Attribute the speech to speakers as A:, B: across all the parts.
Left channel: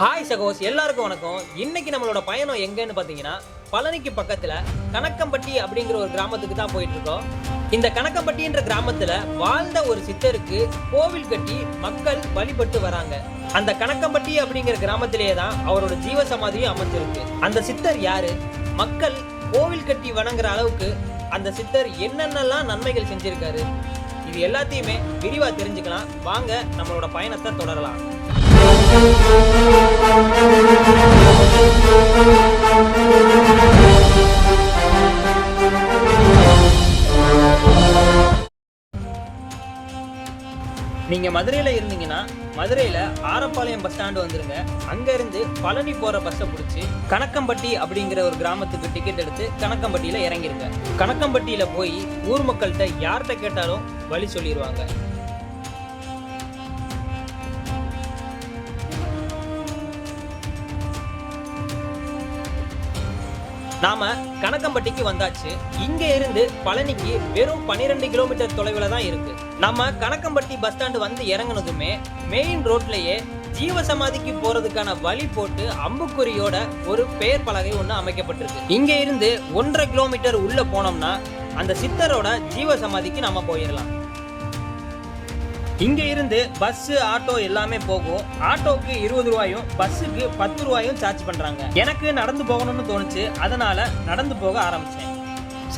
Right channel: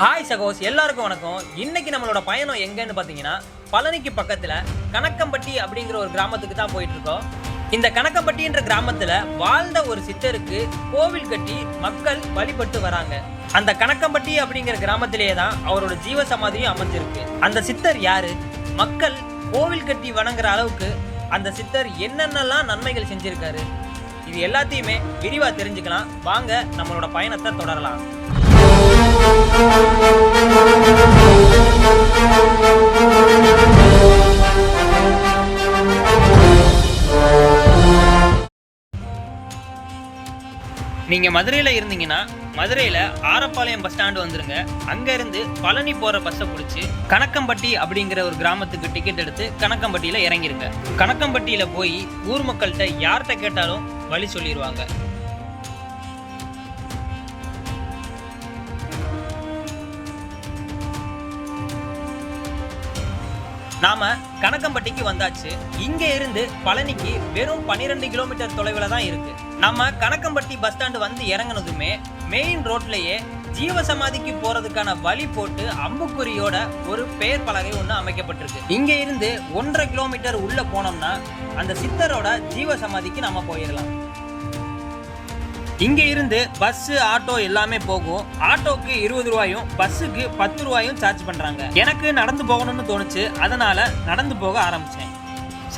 A: Hi சகோஸ். எல்லாருக்கும் வணக்கம். இன்னைக்கு நம்மளோட பயணம் எங்கன்னு பார்த்தீங்கன்னா பழனிக்கு பக்கத்தில் கணக்கம்பட்டி அப்படிங்கிற ஒரு கிராமத்துக்கு தான் போயிட்டு இருக்கோம் இந்த கணக்கம்பட்டின்ற கிராமத்தில் வாழ்ந்த ஒரு சித்தருக்கு கோவில் கட்டி மக்கள் வழிபட்டு வராங்க. அந்த கணக்கம்பட்டி அப்படிங்கிற கிராமத்திலேயே தான் அவரோட ஜீவ சமாதியும் அமைஞ்சிருக்கு. அந்த சித்தர் யாரு? மக்கள் கோவில் கட்டி வணங்குற அளவுக்கு அந்த சித்தர் என்னென்னலாம் நன்மைகள் செஞ்சிருக்காரு? இது எல்லாத்தையுமே விரிவா தெரிஞ்சுக்கலாம். வாங்க நம்மளோட பயணத்தை தொடரலாம். நீங்கள் மதுரையில் இருந்தீங்கன்னா மதுரையில் ஆரப்பாளையம் பஸ் ஸ்டாண்டு வந்துருங்க. அங்கேருந்து பழனி போகிற பஸ்ஸை பிடிச்சி கணக்கம்பட்டி அப்படிங்கிற ஒரு கிராமத்துக்கு டிக்கெட் எடுத்து கணக்கம்பட்டியில் இறங்கிருங்க. கணக்கம்பட்டியில் போய் ஊர் மக்கள்கிட்ட யார்கிட்ட கேட்டாலும் வழி சொல்லிடுவாங்க நாம கணக்கம்பட்டிக்கு வந்தாச்சு. இங்கே இருந்து பழனிக்கு வெறும் 12 கிலோமீட்டர் தொலைவில் தான் இருக்குது நம்ம கணக்கம்பட்டி பஸ் ஸ்டாண்டு வந்து இறங்குனதுமே மெயின் ரோட்லயே ஜீவசமாதிக்கு போறதுக்கான வழி போட்டு அம்புக்குறியோட ஒரு பெயர் பலகை ஒன்று அமைக்கப்பட்டிருக்கு. இங்க இருந்து ஒன்றரை கிலோமீட்டர் உள்ள போனோம்னா அந்த சித்தரோட ஜீவசமாதிக்கு நம்ம போயிடலாம். இங்க இருந்து பஸ் ஆட்டோ எல்லாமே போகும். ஆட்டோக்கு இருபது ரூபாயும் பஸ்ஸுக்கு பத்து ரூபாயும் சார்ஜ் பண்றாங்க. எனக்கு நடந்து போகணும்னு தோணுச்சு. அதனால நடந்து போக ஆரம்பிச்சேன்.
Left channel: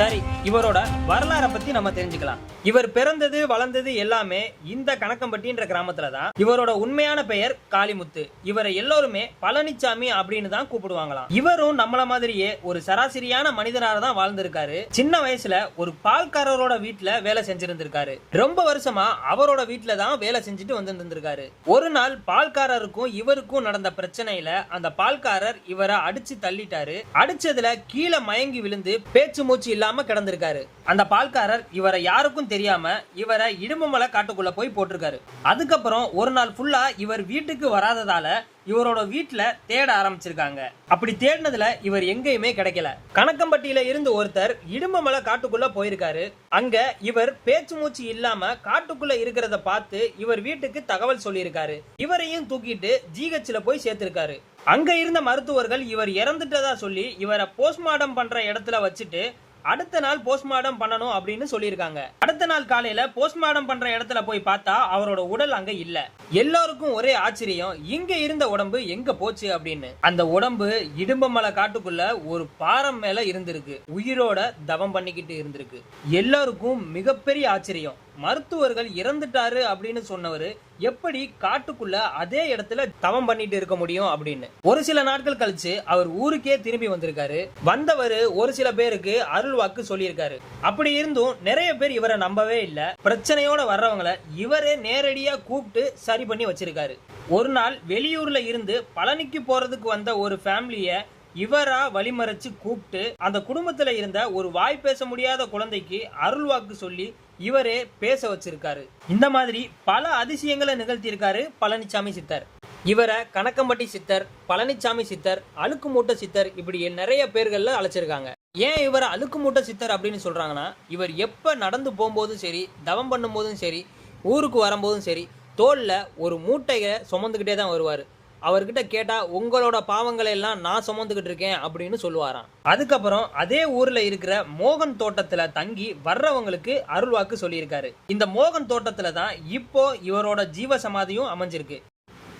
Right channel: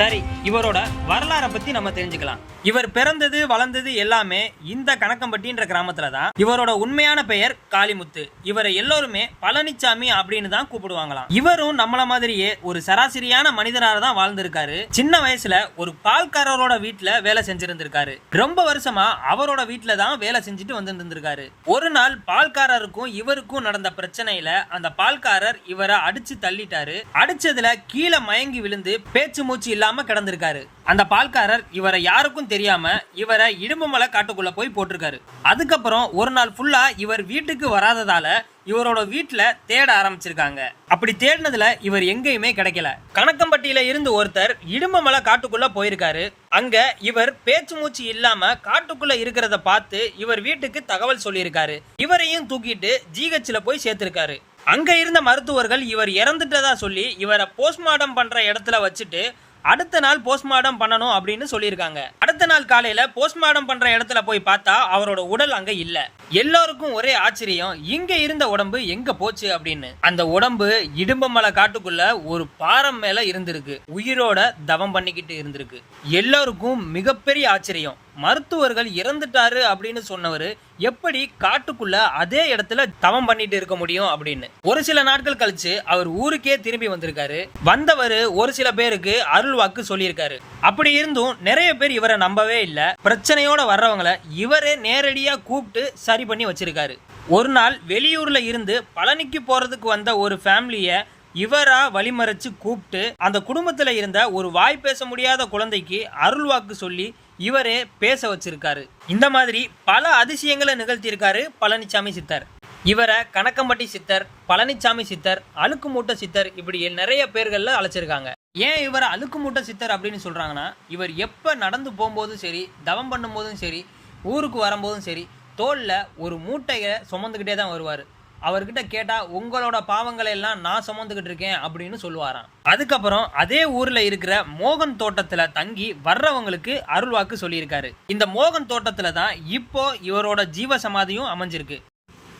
A: சரி இவரோட வரலாறை பத்தி நம்ம தெரிஞ்சுக்கலாம். இவர் பிறந்தது வளர்ந்தது எல்லாமே இந்த கணக்கம்பட்டின்ற கிராமத்துல தான். இவரோட உண்மையான பெயர் காளிமுத்து. இவரை எல்லோருமே பழனிச்சாமி அப்படின்னு தான் கூப்பிடுவாங்களாம். இவரும் நம்மள மாதிரியே ஒரு சராசரியான மனிதனாக தான் வாழ்ந்திருக்காரு. சின்ன வயசுல ஒரு பால்காரரோட வீட்டுல வேலை செஞ்சிருந்திருக்காரு. ரொம்ப வருஷமா அவரோட வீட்டுல தான் வேலை செஞ்சுட்டு வந்துருந்திருக்காரு. ஒரு நாள் பால்காரருக்கும் இவருக்கும் நடந்த பிரச்சனையில அந்த பால்காரர் இவரை அடிச்சு தள்ளிட்டாரு. அடிச்சதுல கீழே மயங்கி விழுந்து பேச்சு மூச்சு இல்லாம கிடந்திருக்காரு. அந்த பால்காரர் இவரை யாருக்கும் தெரியாம இவரை இடும்பமலை காட்டுக்குள்ள போய் போட்டிருக்காரு. அதுக்கப்புறம் ஒரு நாள் ஃபுல்லா இவர் வீட்டுக்கு வராததால இவரோட வீட்டுல தேட ஆரம்பிச்சிருக்காங்க. அப்படி தேடினதுல இவர் எங்கேயுமே கிடைக்கல. கணக்கம்பட்டியில இருந்து ஒருத்தர் இடும்பமலை காட்டுக்குள்ள போயிருக்காரு. அங்க இவர் பேச்சு மூச்சு இல்லாம காட்டுக்குள்ள இருக்கிறத பார்த்து இவர் வீட்டுக்கு தகவல் சொல்லியிருக்காரு. இவரையும் தூக்கிட்டு ஜிஹெச்ல போய் சேர்த்திருக்காரு. அங்க இருந்த மருத்துவர்கள் இவர் இறந்துட்டதா சொல்லி இவரை போஸ்ட்மார்ட்டம் பண்ற இடத்துல வச்சுட்டு அடுத்த நாள் போஸ்ட்மார்டம் பண்ணணும் அப்படின்னு சொல்லியிருக்காங்க. அடுத்த நாள் காலையில போஸ்ட்மார்டம் பண்ற இடத்துல போய் பார்த்தா அவரோட உடல் அங்க இல்ல. எல்லாருக்கும் ஒரே ஆச்சரியம் இங்க இருந்த உடம்பு எங்க போச்சு அப்படின்னு. அந்த உடம்பு இடும்பமலை காட்டுக்குள்ள ஒரு பாறம் மேல இருந்திருக்கு. உயிரோட தவம் பண்ணிக்கிட்டு இருந்திருக்கு. எல்லாருக்கும் மிகப்பெரிய ஆச்சரியம். மருத்துவர்கள் இறந்துட்டாரு அப்படின்னு சொன்னவர் எப்படி காட்டுக்குள்ள அதே இடத்துல தவம் பண்ணிட்டு இருக்க முடியும் அப்படின்னு. ஒரு சில நாட்கள் கழிச்சு அவர் ஊருக்கே திரும்பி வந்திருக்காரு. வந்தவர் ஒரு சில பேருக்கு அருள் வாக்கு சொல்லியிருக்காரு. அப்படி இருந்தும் நிறைய பேர் இவரை நம்பவே இல்லை. பிரச்சனையோட வர்றவங்கள இவரே நேரடியா கூப்பிட்டு சரி பண்ணி வச்சிருக்காரு. ஒரு நாள் வெளியூர்ல இருந்து பழனிக்கு போறதுக்கு வந்த ஒரு ஃபேமிலிய இவரா வழிமறைச்சு கூப்பிட்டு அந்த குடும்பத்துல இருந்த ஒரு வாய் பேச முடியாத குழந்தைக்கு அருள் வாக்கு சொல்லி இவரே பேச வச்சிருக்காரு. இந்த மாதிரி பல அதிசயங்களை நிகழ்த்தியிருக்காரு பழனிசாமி சித்தர். இவரை கணக்கம்பட்டி சித்தர் பழனிசாமி சித்தர் அழுக்கு மூட்டை சித்தர் இப்படி நிறைய பேர்கள்ல அழைச்சிருக்காங்க. ஏன் இவரை அழுக்கு மூட்டை சித்தர் அப்படின்னு சொல்றாங்கன்னா இவர் எப்ப நடந்து போகும்போதும் சரி தவம் பண்ணும்போதும் சரி ஊருக்கு வரும்போதும் சரி தோளில் ஒரு மூட்டையை சுமந்துக்கிட்டே தான் வருவார். அவர்கிட்ட கேட்டால் உங்களோட பாவங்களை எல்லாம் நான் சுமந்துக்கிட்டு இருக்கேன் அப்படின்னு சொல்லுவாராம். அதுக்கப்புறம் அதே ஊரில் இருக்கிற மோகன் தோட்டத்தில் தங்கி வர்றவங்களுக்கு அருள்வாக்கு சொல்லியிருக்காரு. இந்த மோகன் தோட்டத்தில் தான் இப்போ இவரோட ஜீவ சமாதியும் அமைஞ்சிருக்கு.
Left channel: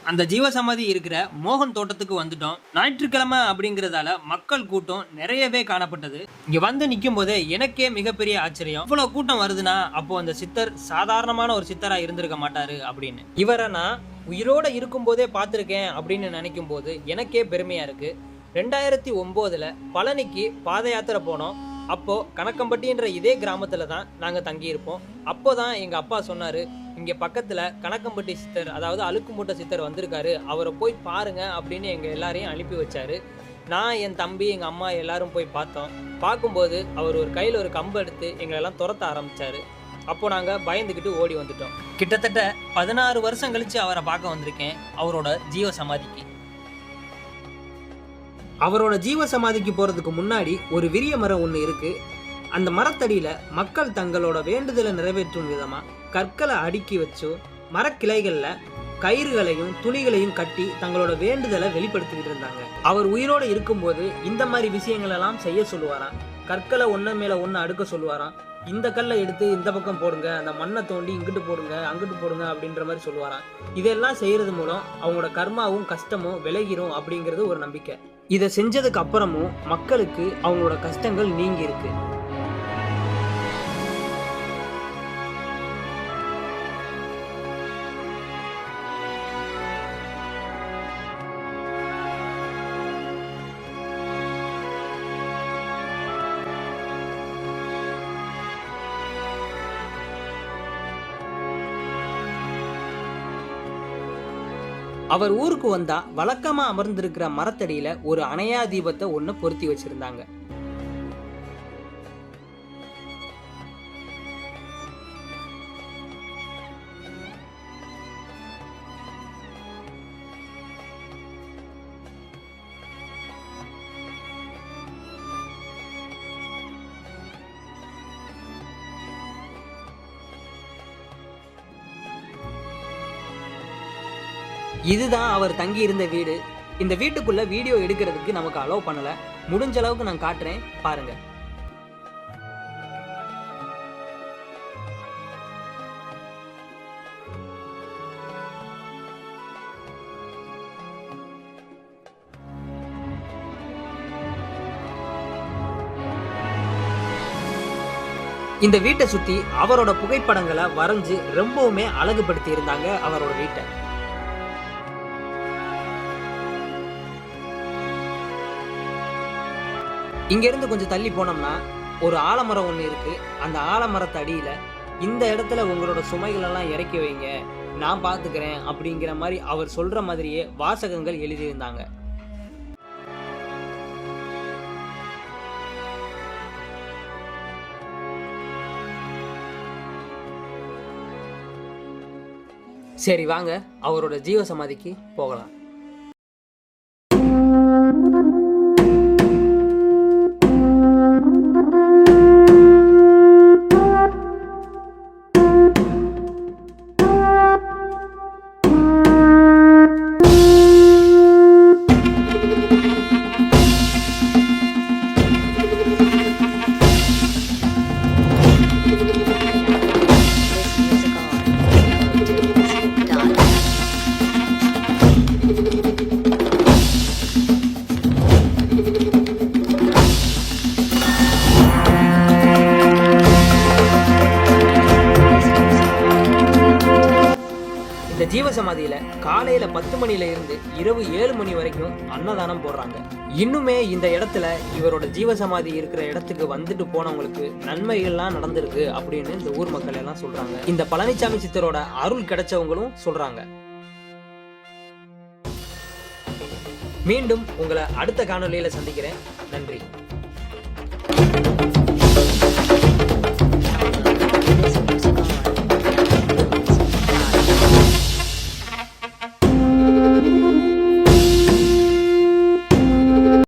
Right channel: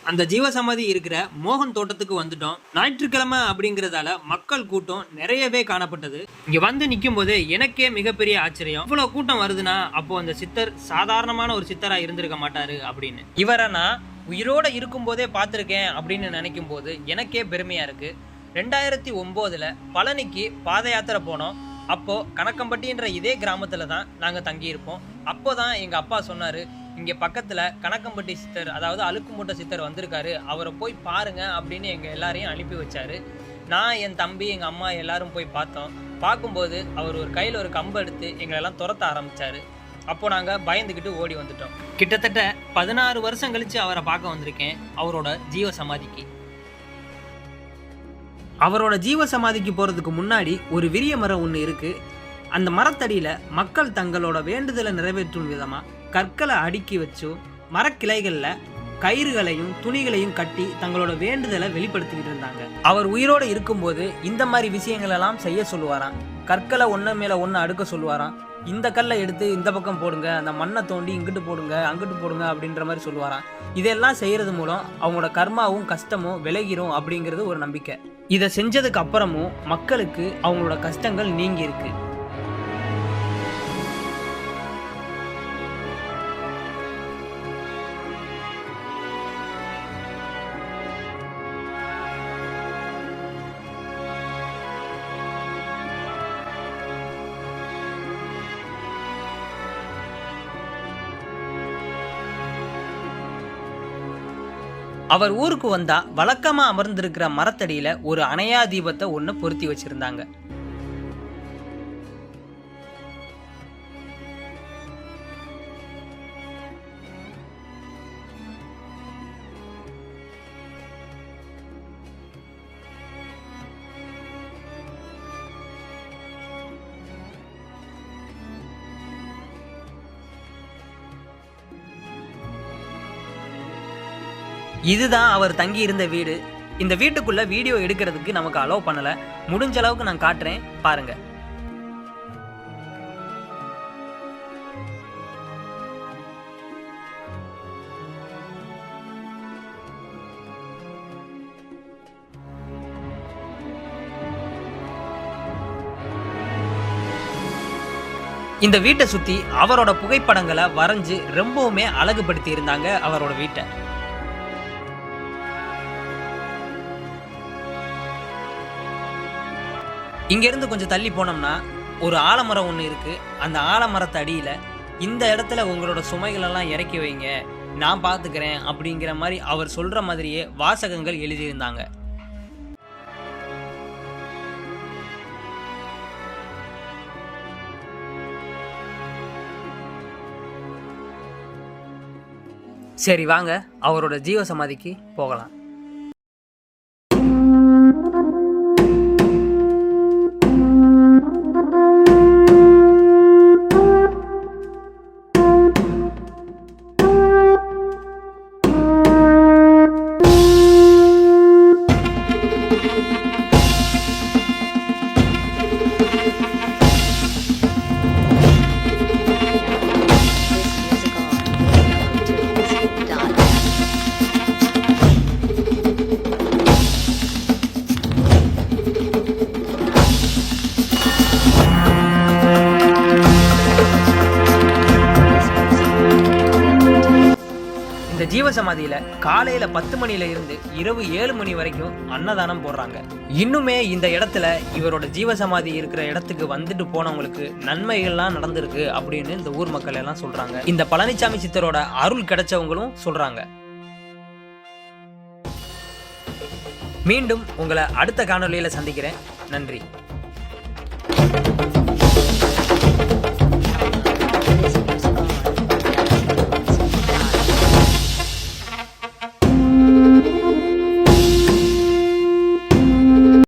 A: அந்த ஜீவசமாதி இருக்கிற மோகன் தோட்டத்துக்கு வந்துட்டோம். ஞாயிற்றுக்கிழமை அப்படிங்கிறதால மக்கள் கூட்டம் நிறையவே காணப்பட்டது. இங்க வந்து நிற்கும் போது எனக்கே மிகப்பெரிய ஆச்சரியம். இவ்வளவு கூட்டம் வருதுன்னா அப்போ அந்த சித்தர் சாதாரணமான ஒரு சித்தரா இருந்திருக்க மாட்டாரு அப்படின்னு. இவரை நான் உயிரோட இருக்கும்போதே பார்த்துருக்கேன் அப்படின்னு நினைக்கும் போது எனக்கே பெருமையா இருக்கு. ரெண்டாயிரத்தி ஒம்போதில் பழனிக்கு பாத யாத்திரை போனோம். அப்போ கணக்கம்பட்டின்ற இதே கிராமத்துல தான் நாங்க தங்கியிருப்போம். அப்போதான் எங்க அப்பா சொன்னாரு இங்கே பக்கத்தில் கணக்கம்பட்டி சித்தர் அதாவது அழுக்கு மூட்டை சித்தர் வந்திருக்காரு. அவரை போய் பாருங்கள் அப்படின்னு எங்கள் எல்லாரையும் அனுப்பி வச்சார். நான் என் தம்பி எங்கள் அம்மா எல்லாரும் போய் பார்த்தோம். பார்க்கும்போது அவர் ஒரு கையில் ஒரு கம்பு எடுத்து எங்களை எல்லாம் துரத்த ஆரம்பித்தார் அப்போ நாங்கள் பயந்துக்கிட்டு ஓடி வந்துட்டோம். கிட்டத்தட்ட பதினாறு வருஷம் கழித்து அவரை பார்க்க வந்திருக்கேன். அவரோட ஜீவ சமாதிக்கு. அவரோட ஜீவ சமாதிக்கு போகிறதுக்கு முன்னாடி ஒரு விரிய மரம் ஒன்று இருக்குது அந்த மரத்தடியில் மக்கள் தங்களோட வேண்டுதலை நிறைவேற்றும் விதமாக கற்களை அடுக்கி வச்சும் மரக்கிளைகளில் கயிறுகளையும் துணிகளையும் கட்டி தங்களோட வேண்டுதலை வெளிப்படுத்திக்கிட்டு இருந்தாங்க. அவர் உயிரோடு இருக்கும்போது இந்த மாதிரி விஷயங்கள் எல்லாம் செய்ய சொல்லுவாராம். கற்களை ஒன்று மேலே ஒன்று அடுக்க சொல்லுவாராம். இந்த கல்லை எடுத்து இந்த பக்கம் போடுங்க அந்த மண்ணை தோண்டி இங்கிட்டு போடுங்க அங்கிட்டு போடுங்க அப்படின்ற மாதிரி சொல்லுவாராம். இதெல்லாம் செய்கிறது மூலம் அவங்களோட கர்மாவும் கஷ்டமும் விலகிரும் அப்படிங்கிறது ஒரு நம்பிக்கை. இதை செஞ்சதுக்கு அப்புறமும் மக்களுக்கு அவங்களோட கஷ்டங்கள் நீங்கி இருக்குது அவர் ஊருக்கு வந்தா வழக்கமா அமர்ந்திருக்கிற மரத்தடியில ஒரு அணையா தீபத்தை ஒன்று பொருத்தி வச்சிருந்தாங்க. இதுதான் அவர் தங்கி இருந்த வீடு. இந்த வீட்டுக்குள்ள வீடியோ எடுக்கிறதுக்கு நமக்கு அலோவ் பண்ணல. முடிஞ்ச அளவுக்கு நான் காட்டுறேன். பாருங்க. இந்த வீட்டை சுத்தி அவரோட புகைப்படங்களை வரைஞ்சு ரொம்பவுமே அழகுபடுத்தி இருந்தாங்க அவரோட வீட்டை. இங்கேருந்து கொஞ்சம் தள்ளி போனோம்னா ஒரு ஆலமரம் ஒன்று இருக்குது அந்த ஆலமரத்து அடியில் இந்த இடத்துல உங்களோட சுமைகளெல்லாம் இறக்கி வைங்க. நான் பார்த்துக்கிறேன் அப்படிங்கிற மாதிரி அவர் சொல்கிற மாதிரியே வாசகங்கள் எழுதியிருந்தாங்க. சரி வாங்க. அவரோட ஜீவ சமாதிக்கு போகலாம். சமாதியில காலையில பத்து மணில இருந்து இரவு ஏழு மணி வரைக்கும் அன்னதானம் போடுறாங்க. இன்னுமே இந்த இடத்துல இவரோட ஜீவசமாதி இருக்கிற இடத்துக்கு வந்துட்டு போனவங்களுக்கு நன்மைகள்லாம் நடந்திருக்கு அப்படின்னு இந்த ஊர் மக்கள் எல்லாம் சொல்றாங்க. இந்த பழனிசாமி சித்தரோட அருள் கிடைச்சவங்களும் சொல்றாங்க. மீண்டும் உங்களை அடுத்த காணொலியில் சந்திக்கிறேன். நன்றி.